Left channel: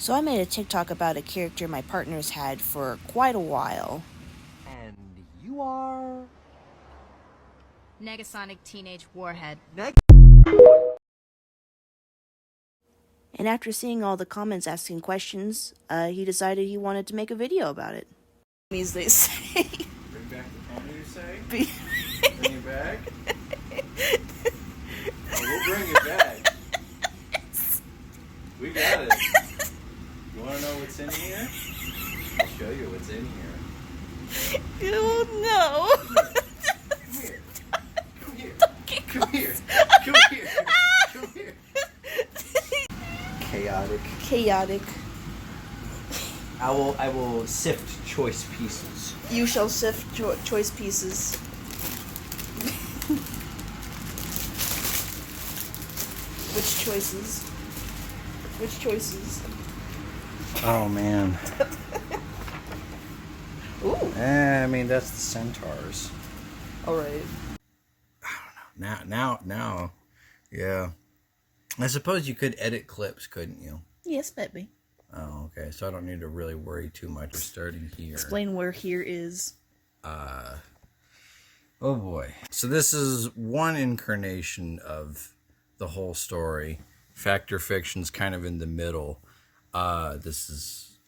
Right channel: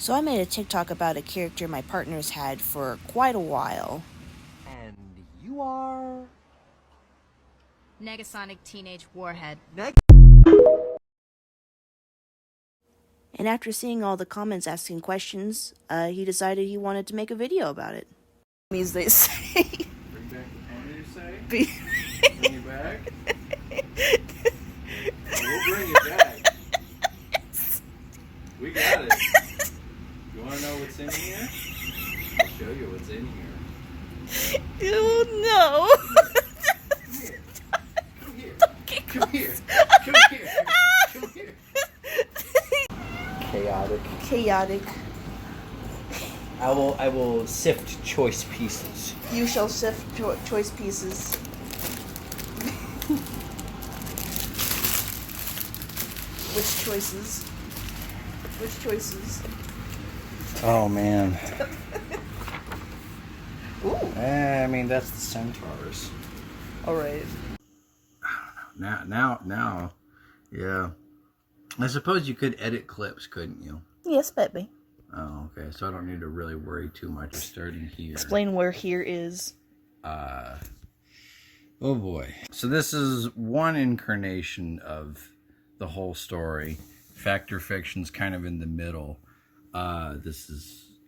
So I made a TikTok about a character my partner's had for quite a while. And you are... Negasonic Teenage Warhead. And after seeing all the comments asking questions, he decided he wanted to make a video about it. Means they say. Bring back the family, you say? Be- Bring it back? Oh, we'll bring it back. We got it. You want to know what's in here? I'll show you what's in here. Oh no! Come here. Come here. Come here. Come here. Chaotic. I will sift choice pieces. You shall sift choice pieces. Which choices? Which choices? Oh man. Ooh. I mean that's the centaurs. All right. Now. Yeah. I suppose you could edit clips, couldn't you? Yes, baby. Oh, okay. So I don't need to really worry too much starting here. Explain where here is. Oh boy. So this is one incarnation of the whole story. Fact or Fiction's kind of in the middle. This is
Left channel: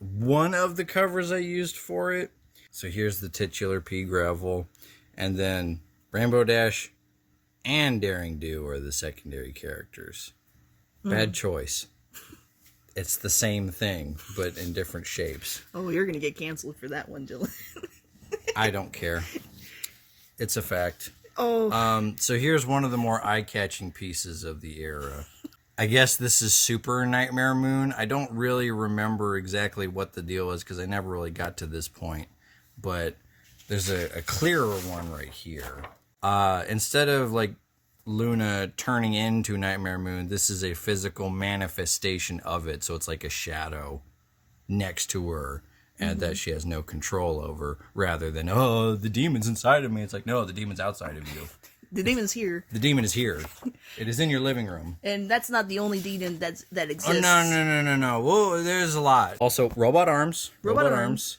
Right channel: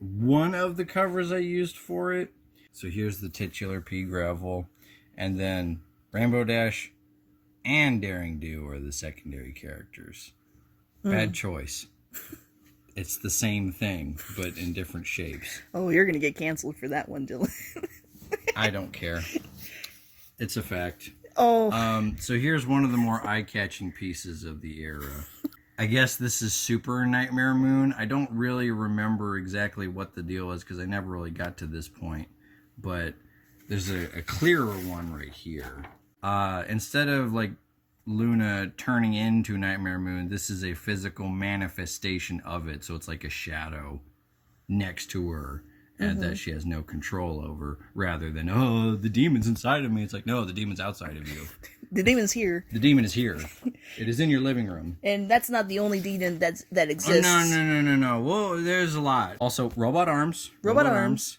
one of the covers I used for it. So here's the titular pea gravel, and then Rainbow Dash and Daring Do are the secondary characters. Bad choice. It's the same thing, but in different shapes. Oh, you're gonna get canceled for that one, Dylan. I don't care. It's a fact. Oh. So here's one of the more eye-catching pieces of the era. I guess this is Super Nightmare Moon. I don't really remember exactly what the deal is because I never really got to this point. But there's a clearer one right here. Instead of like Luna turning into Nightmare Moon, this is a physical manifestation of it. So it's like a shadow next to her and that she has no control over, rather than, oh, the demon's inside of me. It's like, no, the demon's outside of you. The demon's here. The demon is here. It is in your living room. And that's not the only demon that exists. Oh, no. Whoa, there's a lot. Also, robot arms. Robot arms.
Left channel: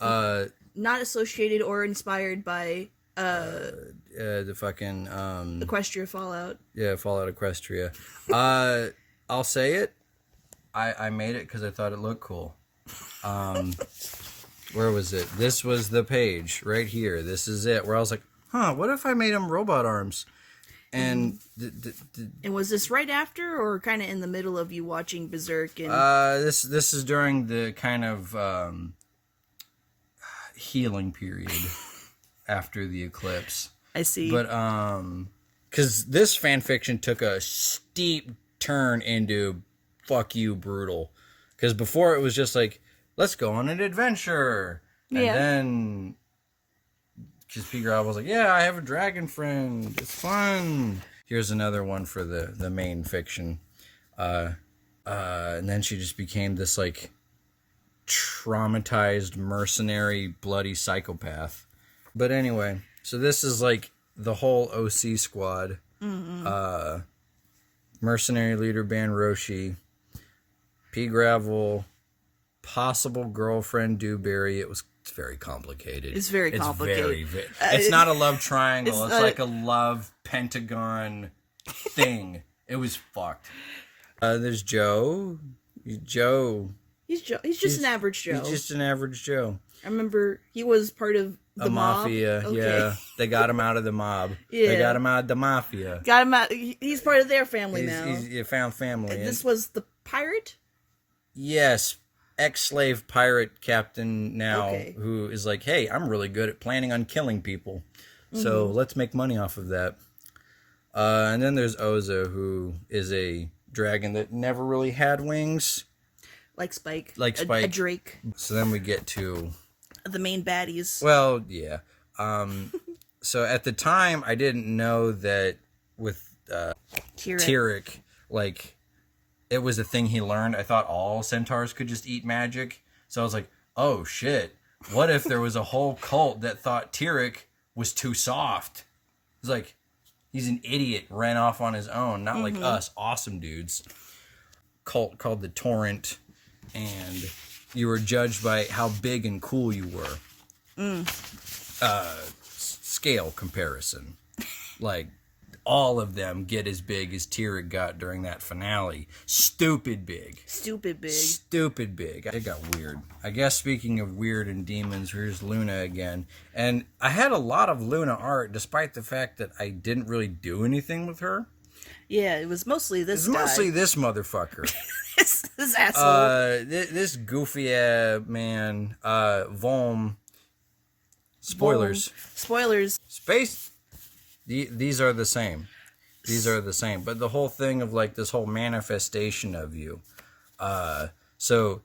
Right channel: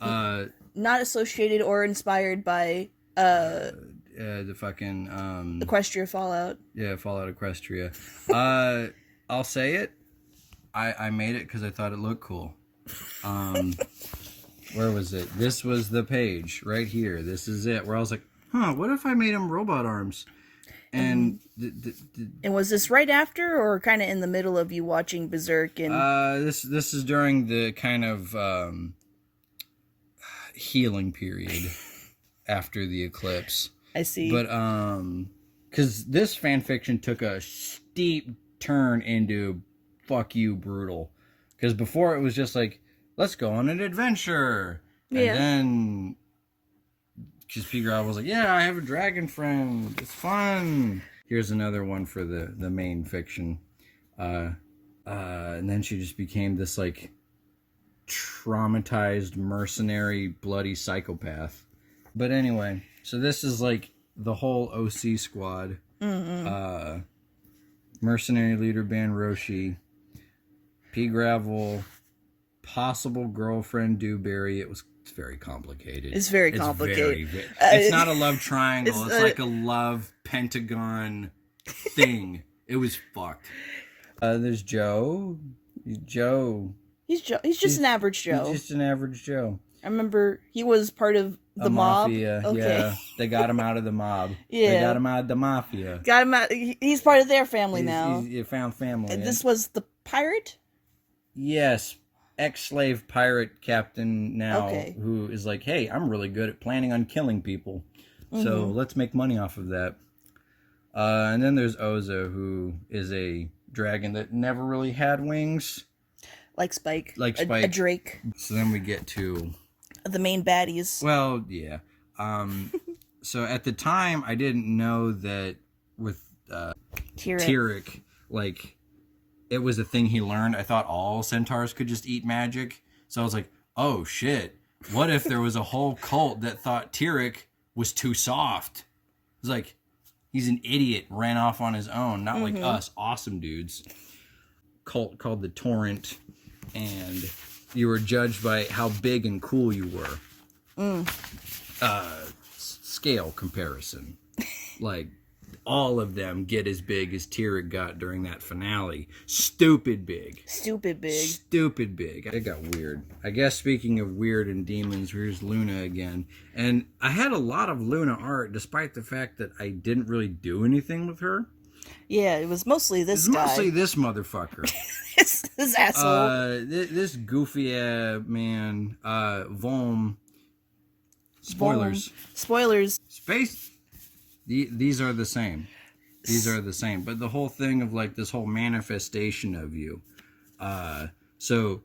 Not associated or inspired by The fucking... Equestria Fallout. Yeah, Fallout Equestria. I'll say it. I made it because I thought it looked cool. Where was it? This was the page right here. This is it. Where I was like, what if I made them robot arms? And and was this right after or kind of in the middle of you watching Berserk? And this is during the kind of healing period after the eclipse. I see. But because this fan fiction took a steep turn into fuck you brutal. Because before it was just like, let's go on an adventure. And then because Pea Gravel was like, yeah, I have a dragon friend. It's fun. Here's another one for the main fiction. And then she just became this like traumatized, mercenary, bloody psychopath. But anyway, so this is like the whole OC squad. Mercenary leader Ban Roshi, Pea Gravel, possible girlfriend Dewberry. It's very complicated. It's very complicated. It's not a love triangle. It's like a love pentagon thing. It was fucked. There's Joe. He's just an average Joe. He's just an average Joe. I remember he was part of the mob. Mafia, okay. Yeah. They got him out of the mob. Yeah. They got him out of the mafia. Got him out. He's part of their family now. He's found family. This was the pirate? Yes. Ex-slave pirate captain now, who is like, hey, I'm really good at planning on killing people. So let's make money off of that. And then there's Oza, who is a dragon that never really had wings. Like Spike. A Drake. So then we get to the main baddies. Well, yeah. So at the time, I didn't know that with Tyrek, like, it was a thing he learned. I thought all centaurs could just eat magic. So I was like, oh, shit. What if there was a whole cult that thought Tyrek was too soft? It was like, he's an idiot, ran off on his own. Not like us, awesome dudes. Cult called the Torrent. and you were judged by how big and cool you were. Scale comparison. Like, all of them get as big as Tyrick got during that finale. Stupid big. Stupid big. Stupid big. It got weird. I guess speaking of weird and demons, here's Luna again. And I had a lot of Luna art, despite the fact that I didn't really do anything with her. Yeah, it was mostly this guy. Mostly this motherfucker. this asshole. This goofy man, Volm. Spoilers. Boom. Spoilers. Space. These are the same. These are the same. But the whole thing of like this whole manifestation of you. So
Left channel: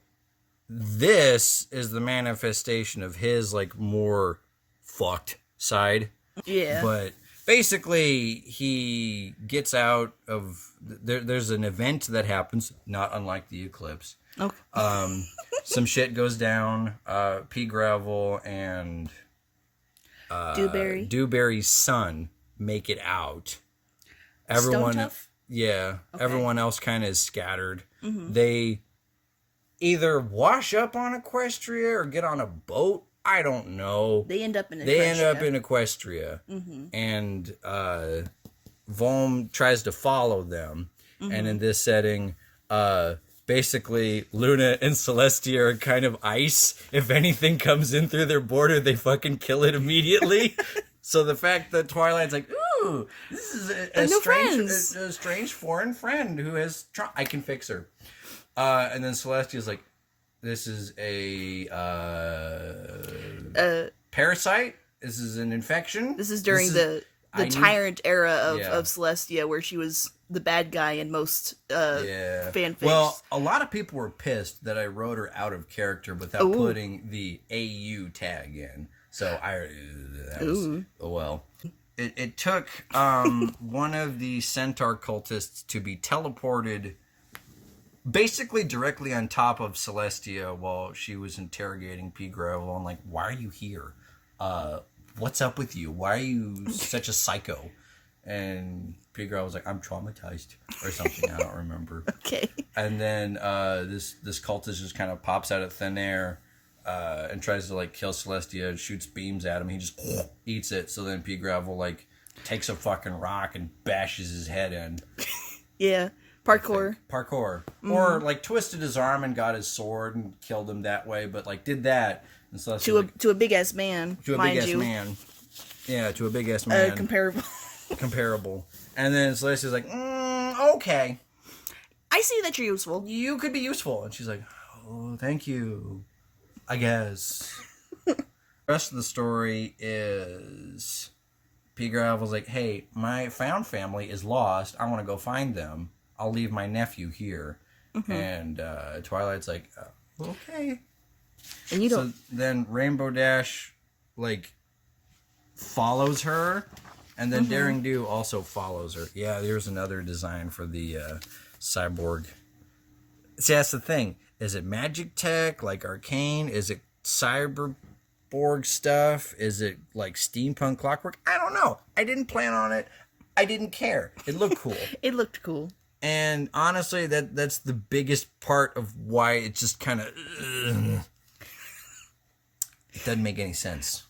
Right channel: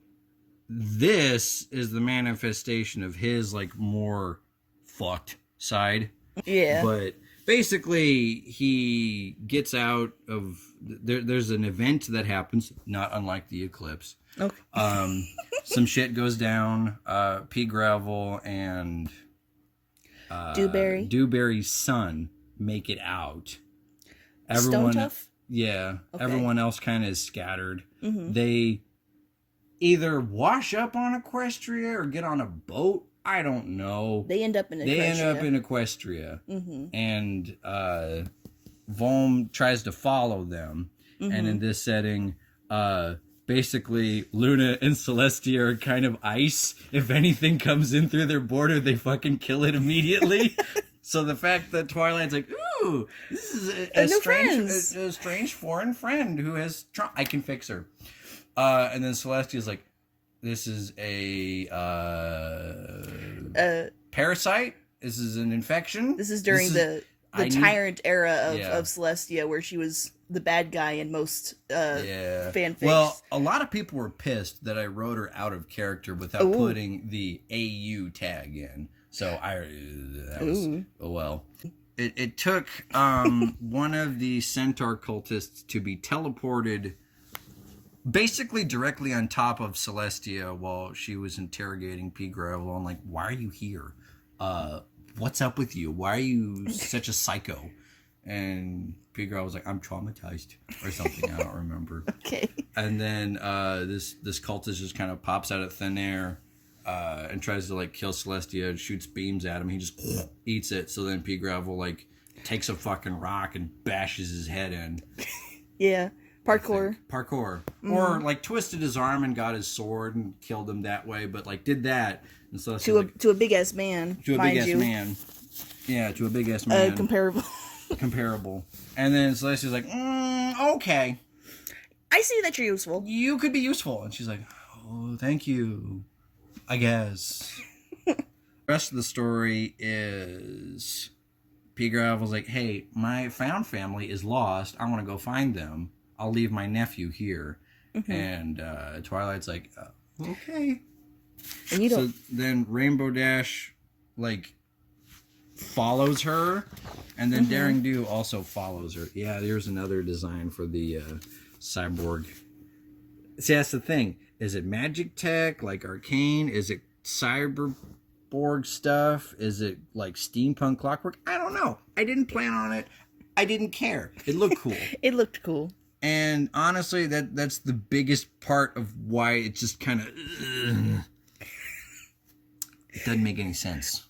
this is the manifestation of his like more fucked side. Yeah. But basically he gets out of there's an event that happens, not unlike the eclipse. Okay. Some shit goes down. Pea Gravel and Dewberry's son make it out. Everyone, Stone Tough? Yeah. Okay. Everyone else kind of is scattered. Mm-hmm. They either wash up on Equestria or get on a boat. I don't know. They end up in Equestria. They end up in Equestria. Mm-hmm. And Volm tries to follow them. Mm-hmm. And in this setting, basically, Luna and Celestia are kind of ice. If anything comes in through their border, they fucking kill it immediately. So the fact that Twilight's like, ooh, this is a strange foreign friend who has I can fix her. And then Celestia's like, this is a parasite. This is an infection. This is during the tyrant era of Celestia, where she was the bad guy in most fanfics. Well, a lot of people were pissed that I wrote her out of character without putting the AU tag in. So It took one of the centaur cultists to be teleported basically directly on top of Celestia while she was interrogating Pea Gravel. I'm like, why are you here? What's up with you? Why are you such a psycho? And Pea Gravel was like, I'm traumatized or something. I don't remember. Okay. And then this cultist just kind of pops out of thin air and tries to like kill Celestia and shoots beams at him. He just eats it. So then Pea Gravel like takes a fucking rock and bashes his head in. Yeah. Parkour. Mm-hmm. Or like twisted his arm and got his sword and killed him that way, but like did that. And Celestia, to a big ass man, mind you. Man. Yeah, to a big ass man. Comparable. And then Celestia's like, okay. I see that you're useful. You could be useful. And she's like, oh, thank you. I guess. The rest of the story is Pea Gravel's like, hey, my found family is lost. I want to go find them. I'll leave my nephew here. Mm-hmm. And Twilight's like, okay. And you don't. So then Rainbow Dash, like, follows her. And then Daring Do also follows her. Yeah, there's another design for the cyborg. See, that's the thing. Is it magic tech, like arcane? Is it cyborg stuff? Is it like steampunk clockwork? I don't know. I didn't plan on it. I didn't care. It looked cool. It looked cool. And honestly, that's the biggest part of why it just kind of... It doesn't make any sense.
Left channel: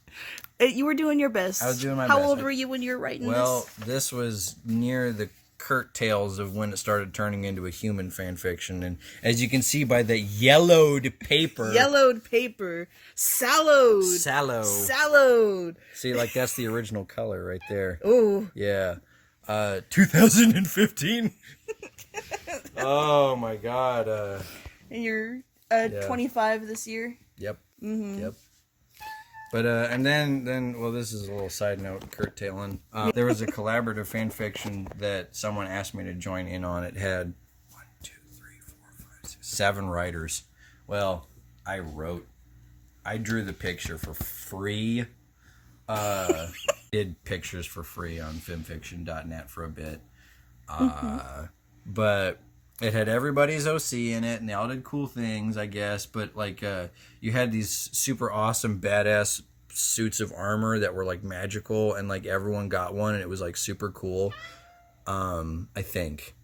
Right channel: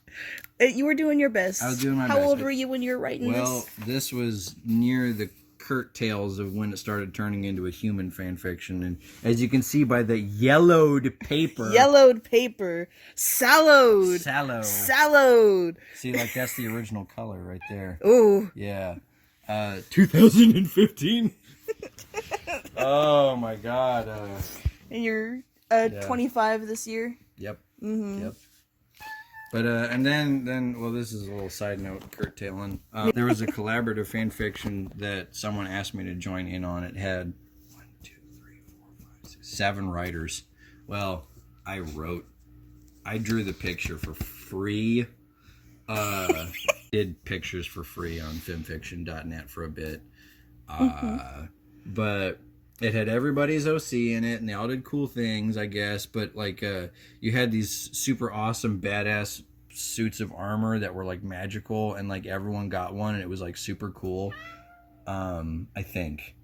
You were doing your best. I was doing my best. How old were you when you were writing this? Well, this was near the curtails of when it started turning into a human fan fiction. And as you can see by the yellowed paper. Sallowed. See, like that's the original color right there. Ooh. Yeah. 2015. Oh my god. And you're 25 this year? Yep. Mm-hmm. Yep. But, and then, well, this is a little side note, curtailing. There was a collaborative fan fiction that someone asked me to join in on. It had 7 writers. Well, I drew the picture for free. Did pictures for free on filmfiction.net for a bit. But it had everybody's OC in it, and they all did cool things, I guess. But, like, you had these super awesome, badass suits of armor that were, like, magical, and, like, everyone got one, and it was, like, super cool. I think.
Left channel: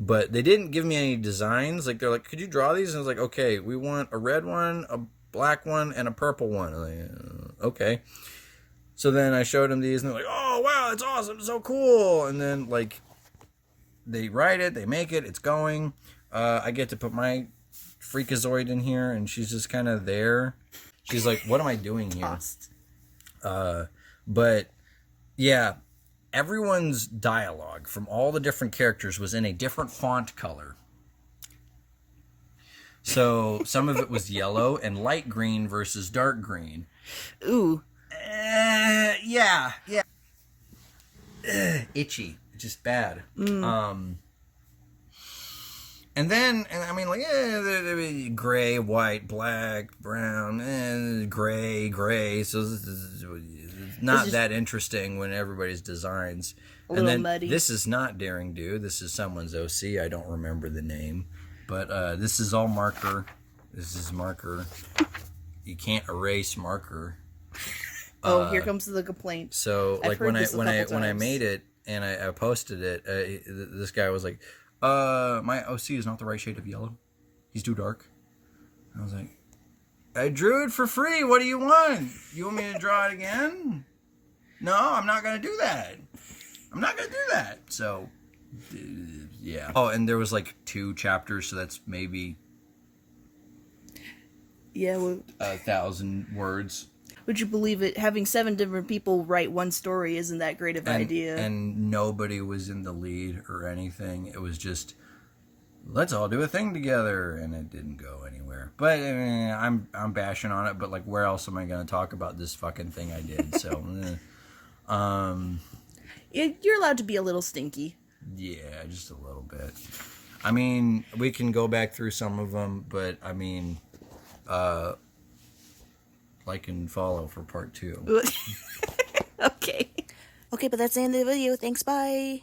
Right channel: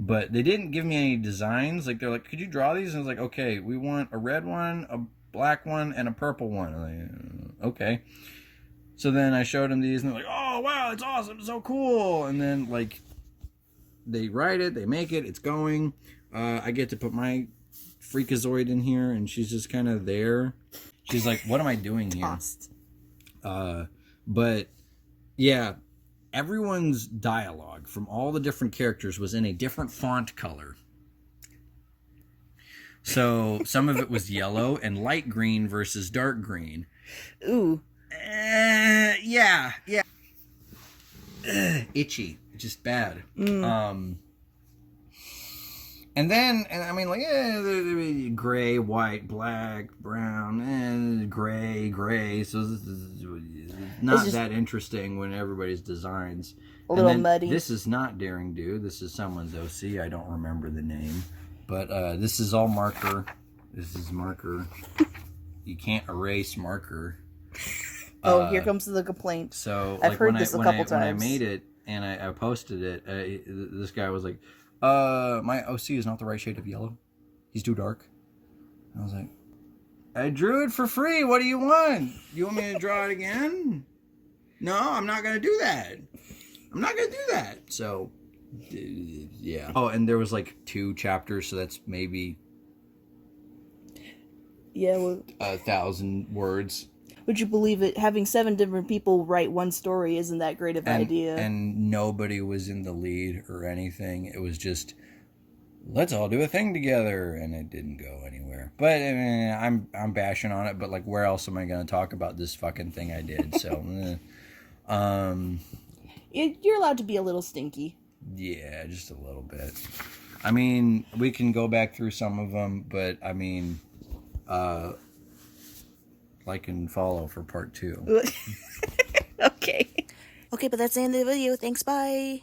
but they didn't give me any designs. Like, they're like, could you draw these? And I was like, okay, we want a red one, a black one, and a purple one. I'm like, okay. So then I showed them these, and they're like, oh, wow, it's awesome, it's so cool. And then, like, they write it, they make it, it's going. I get to put my Freakazoid in here, and she's just kind of there. She's like, what am I doing here? But, yeah, everyone's dialogue from all the different characters was in a different font color. So some of it was yellow and light green versus dark green. Ooh. Yeah. Itchy. Just bad. And then, I mean, like, gray, white, black, brown, and gray. So this is not that interesting when everybody's designs. A little muddy. This is not Daring Do. This is someone's OC. I don't remember the name. But this is all marker. This is marker. You can't erase marker. Oh, here comes the complaint. So, I've like, heard when this a I couple when I times. made it and I posted it, this guy was like, my OC is not the right shade of yellow. He's too dark. I was like, I drew it for free. What do you want? You want me to draw it again? No, I'm not going to do that. I'm not going to do that. So, yeah. Oh, and there was like 2 chapters, so that's maybe Yeah, well, 1,000 words. would you believe it? Having 7 different people write one story isn't that great of an idea. And nobody was in the lead or anything. It was just, let's all do a thing together, and it didn't go anywhere. But I mean, I'm bashing on it. But like, where else am I going to talk about this fucking thing I did? So, You're allowed to be a little stinky. yeah, just a little bit. I mean, we can go back through some of them, but I mean, like and follow for part 2. Okay. Okay, but that's the end of the video. Thanks, bye.